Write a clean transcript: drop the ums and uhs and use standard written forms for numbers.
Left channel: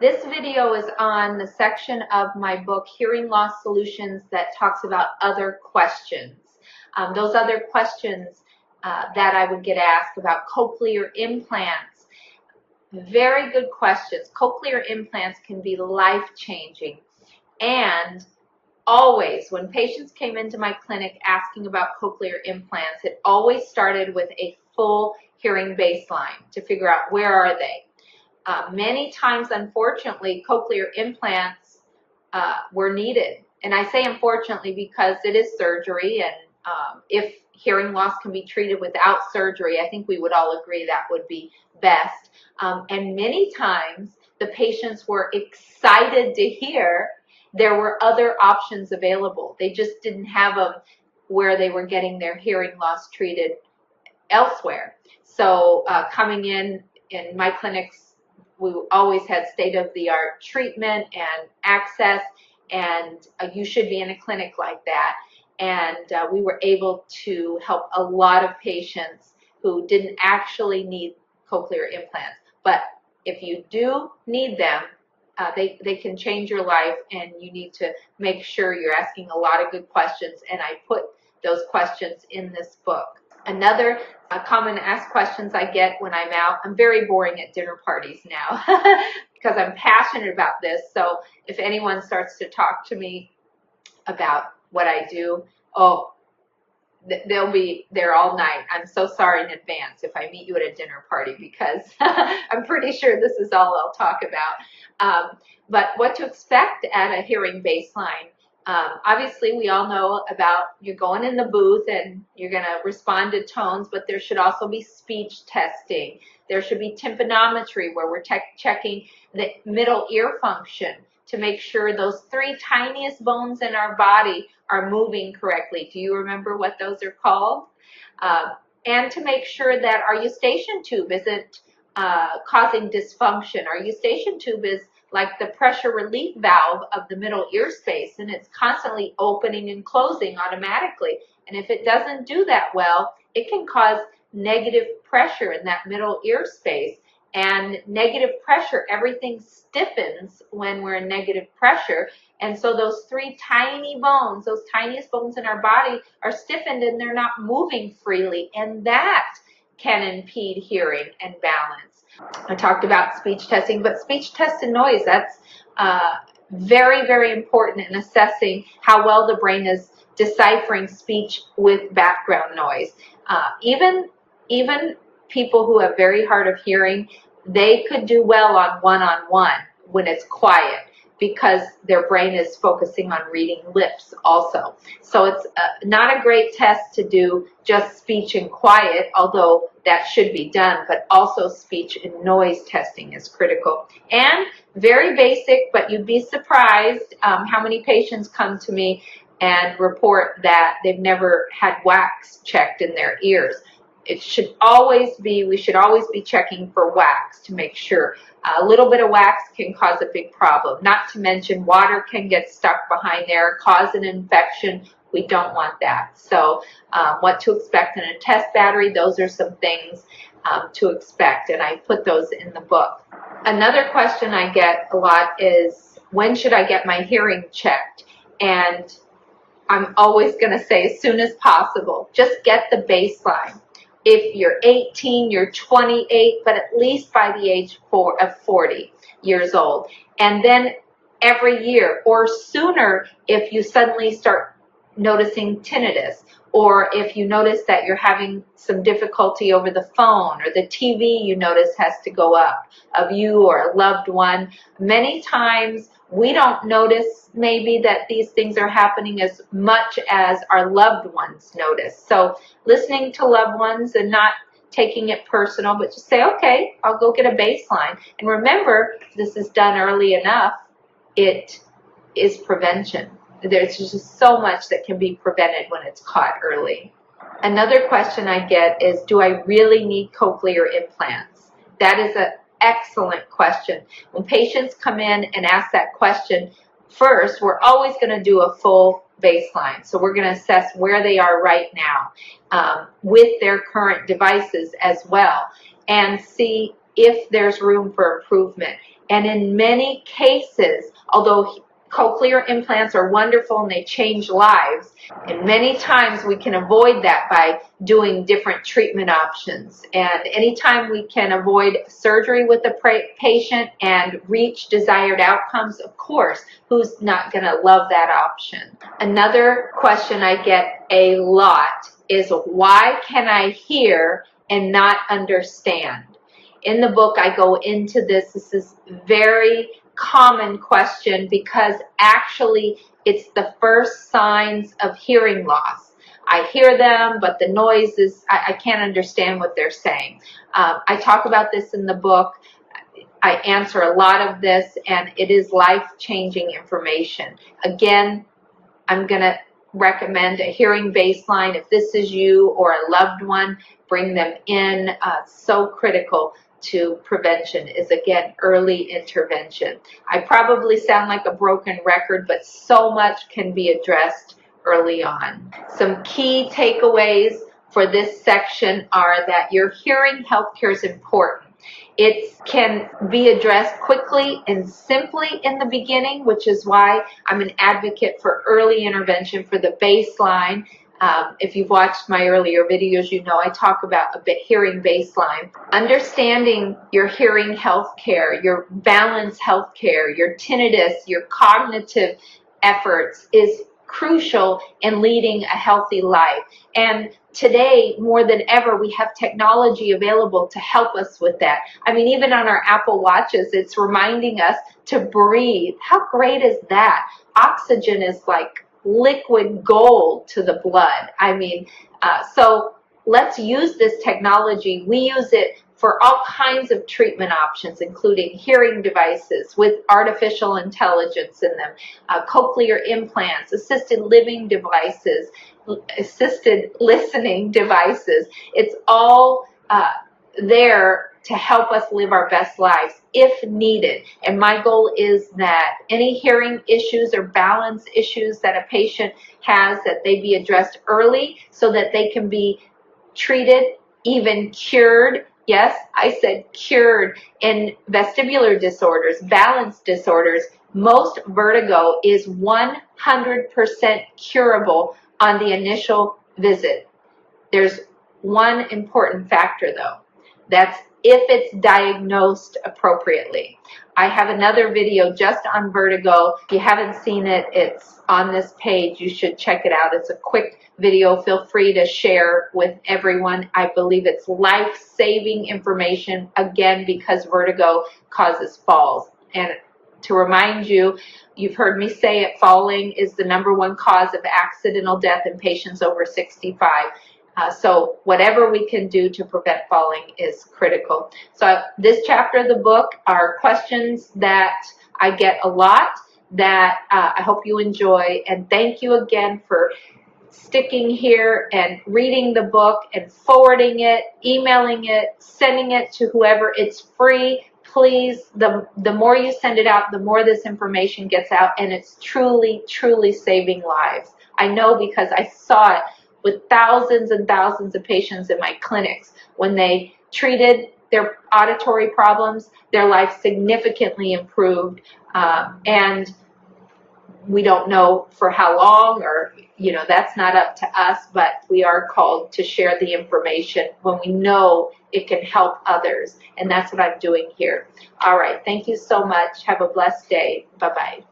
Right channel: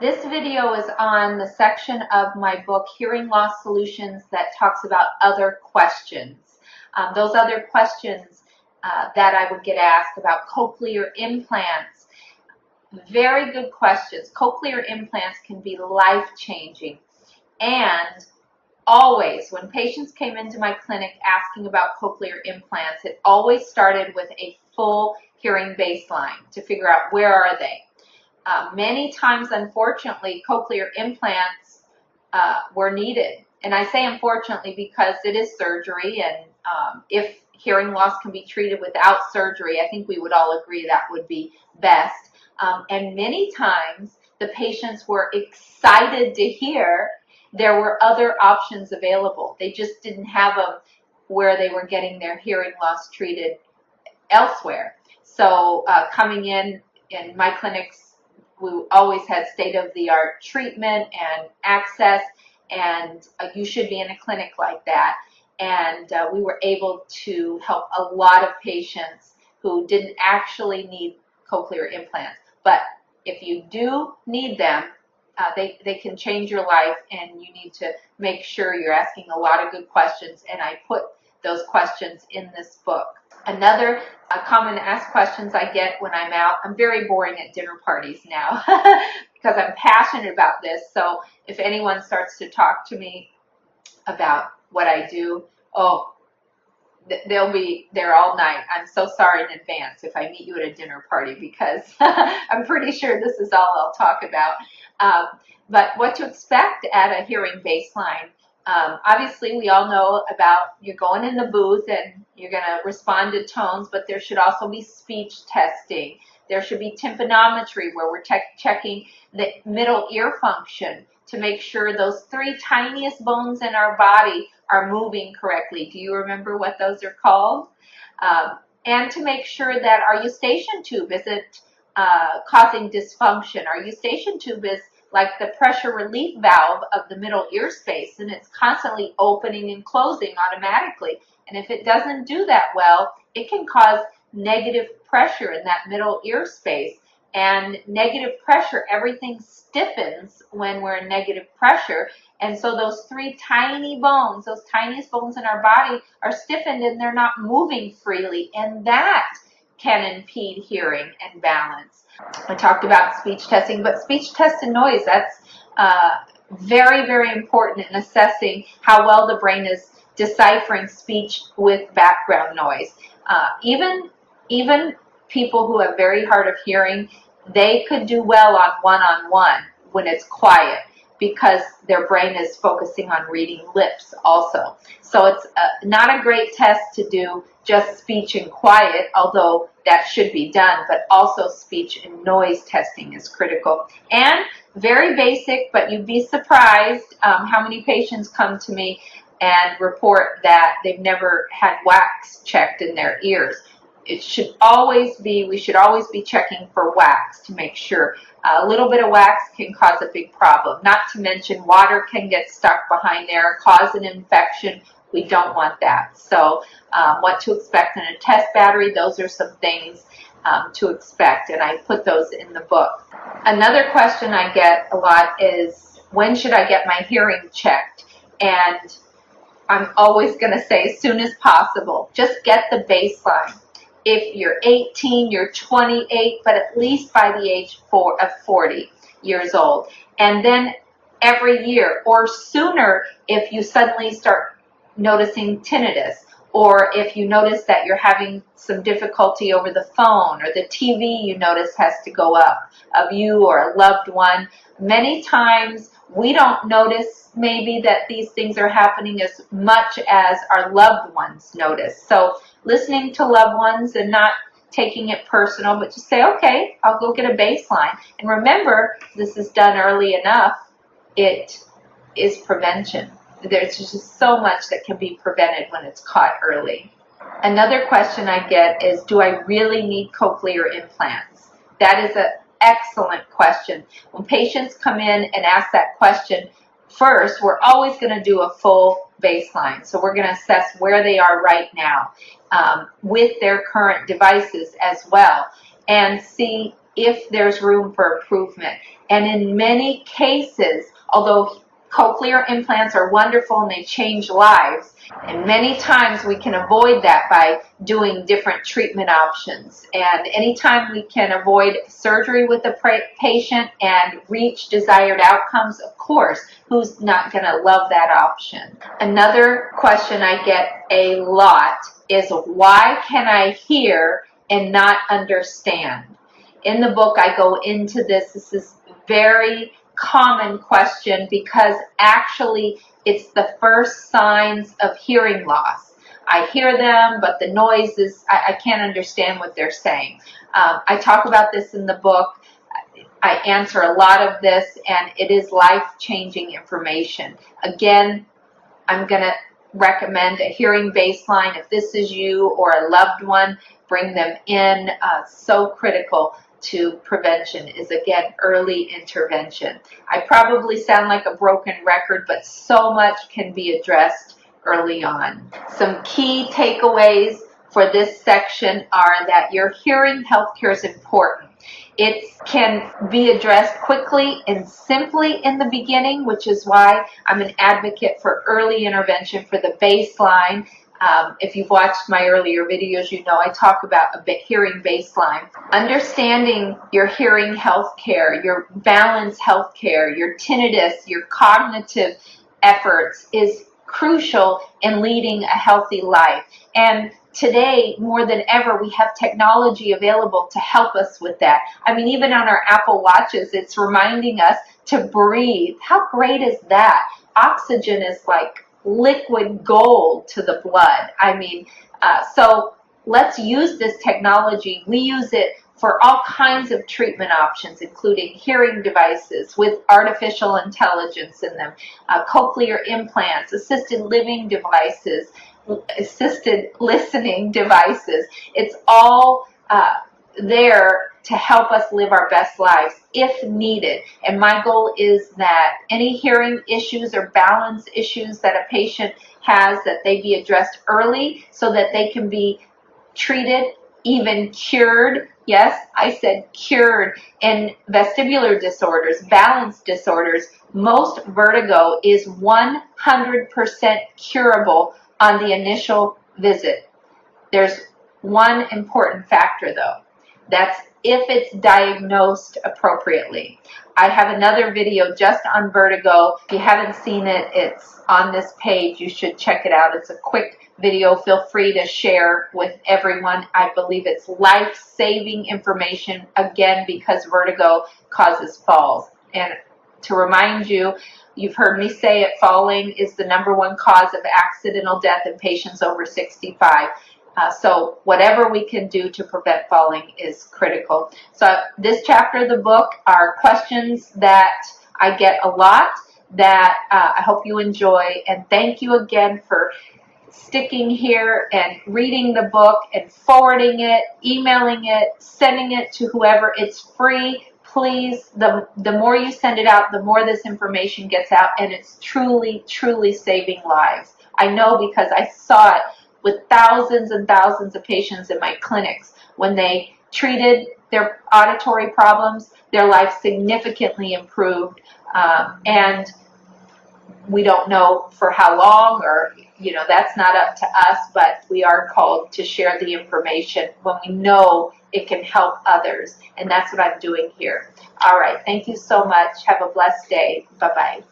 This video is on the section of my book, Hearing Loss Solutions, that talks about other questions. Those other questions that I would get asked about cochlear implants. Very good questions. Cochlear implants can be life-changing. And always, when patients came into my clinic asking about cochlear implants, it always started with a full hearing baseline to figure out where are they. Many times, unfortunately, cochlear implants were needed. And I say unfortunately because it is surgery, and if hearing loss can be treated without surgery, I think we would all agree that would be best. And many times, the patients were excited to hear there were other options available. They just didn't have them where they were getting their hearing loss treated elsewhere. So coming in my clinics, we always had state-of-the-art treatment and access, and you should be in a clinic like that. And we were able to help a lot of patients who didn't actually need cochlear implants. But if you do need them, they can change your life, and you need to make sure you're asking a lot of good questions, and I put those questions in this book. Another common asked questions I get when I'm out. I'm very boring at dinner parties now because I'm passionate about this. So if anyone starts to talk to me about what I do, they'll be there all night. I'm so sorry in advance if I meet you at a dinner party, because I'm pretty sure this is all I'll talk about. But what to expect at a hearing baseline. Obviously, we all know about you're going in the booth and you're going to respond to tones, but there should also be speech testing. There should be tympanometry, where we're checking the middle ear function to make sure those three tiniest bones in our body are moving correctly. Do you remember what those are called? And to make sure that our eustachian tube isn't causing dysfunction. Our eustachian tube is like the pressure relief valve of the middle ear space, and it's constantly opening and closing automatically. And if it doesn't do that well, it can cause negative pressure in that middle ear space. And negative pressure, everything stiffens when we're in negative pressure. And so those three tiny bones, those tiniest bones in our body, are stiffened and they're not moving freely. And that can impede hearing and balance. I talked about speech testing, but speech test and noise, that's very, very important in assessing how well the brain is deciphering speech with background noise. Even people who have very hard of hearing, they could do well on one-on-one when it's quiet, because their brain is focusing on reading lips also. So it's not a great test to do just speech and quiet, although that should be done, but also speech and noise testing is critical. And very basic, but you'd be surprised how many patients come to me and report that they've never had wax checked in their ears. It should always be, we should always be checking for wax to make sure. A little bit of wax can cause a big problem. Not to mention water can get stuck behind there, cause an infection. We don't want that. So what to expect in a test battery, those are some things to expect, and I put those in the book. Another question I get a lot is, when should I get my hearing checked? And I'm always going to say as soon as possible. Just get the baseline. If you're 18, you're 28, but at least by the age of 40 years old. And then every year, or sooner if you suddenly start noticing tinnitus, or if you notice that you're having some difficulty over the phone, or the TV you notice has to go up of you or a loved one. Many times we don't notice maybe that these things are happening as much as our loved ones notice. So listening to loved ones and not taking it personal, but just say, okay, I'll go get a baseline. And remember, this is done early enough, it is prevention. There's just so much that can be prevented when it's caught early. Another question I get is, do I really need cochlear implants? That is an excellent question. When patients come in and ask that question, first, we're always going to do a full baseline. So we're going to assess where they are right now with their current devices as well, and see if there's room for improvement. And in many cases, although cochlear implants are wonderful and they change lives, and many times we can avoid that by doing different treatment options. And anytime we can avoid surgery with the patient and reach desired outcomes, of course, who's not going to love that option? Another question I get a lot is, why can I hear and not understand? In the book, I go into this. This is very common question because actually it's the first signs of hearing loss. I hear them, but the noise is, I can't understand what they're saying. I talk about this in the book. I answer a lot of this, and it is life-changing information. Again, I'm going to recommend a hearing baseline. If this is you or a loved one, bring them in. So critical to prevention is, again, early intervention. I probably sound like a broken record, but so much can be addressed early on. Some key takeaways for this section are that your hearing healthcare is important. It can be addressed quickly and simply in the beginning, which is why I'm an advocate for early intervention for the baseline. If you've watched my earlier videos, you know I talk about a hearing baseline. Understanding your hearing health care, your balance health care, your tinnitus, your cognitive efforts is crucial in leading a healthy life. And today, more than ever, we have technology available to help us with that. I mean, even on our Apple Watches, it's reminding us to breathe. How great is that? Oxygen is like liquid gold to the blood. I mean, so let's use this technology. We use it for all kinds of treatment options, including hearing devices with artificial intelligence in them, cochlear implants, assisted living devices, assisted listening devices. It's all there to help us live our best lives if needed. And my goal is that any hearing issues or balance issues that a patient has, that they be addressed early so that they can be treated, even cured. Yes, I said cured. In vestibular disorders, balance disorders, most vertigo is 100% curable on the initial visit. There's one important factor though. That's if it's diagnosed appropriately. I have another video just on vertigo. If you haven't seen it, it's on this page. You should check it out. It's a quick video. Feel free to share with everyone. I believe it's life-saving information, again, because vertigo causes falls. And to remind you, you've heard me say it, falling is the #1 cause of accidental death in patients over 65. So whatever we can do to prevent falling is critical. So this chapter of the book are questions that I get a lot that I hope you enjoy. And thank you again for sticking here and reading the book and forwarding it, emailing it, sending it to whoever. It's free. Please, the more you send it out, the more this information gets out, and it's truly, truly saving lives. I know because I saw it with thousands and thousands of patients in my clinics. When they treated their auditory problems, their life significantly improved, and we don't know for how long, or that's not up to us, but we are called to share the information when we know it can help others, and that's what I'm doing here. All right, thank you so much. Have a blessed day. Bye-bye.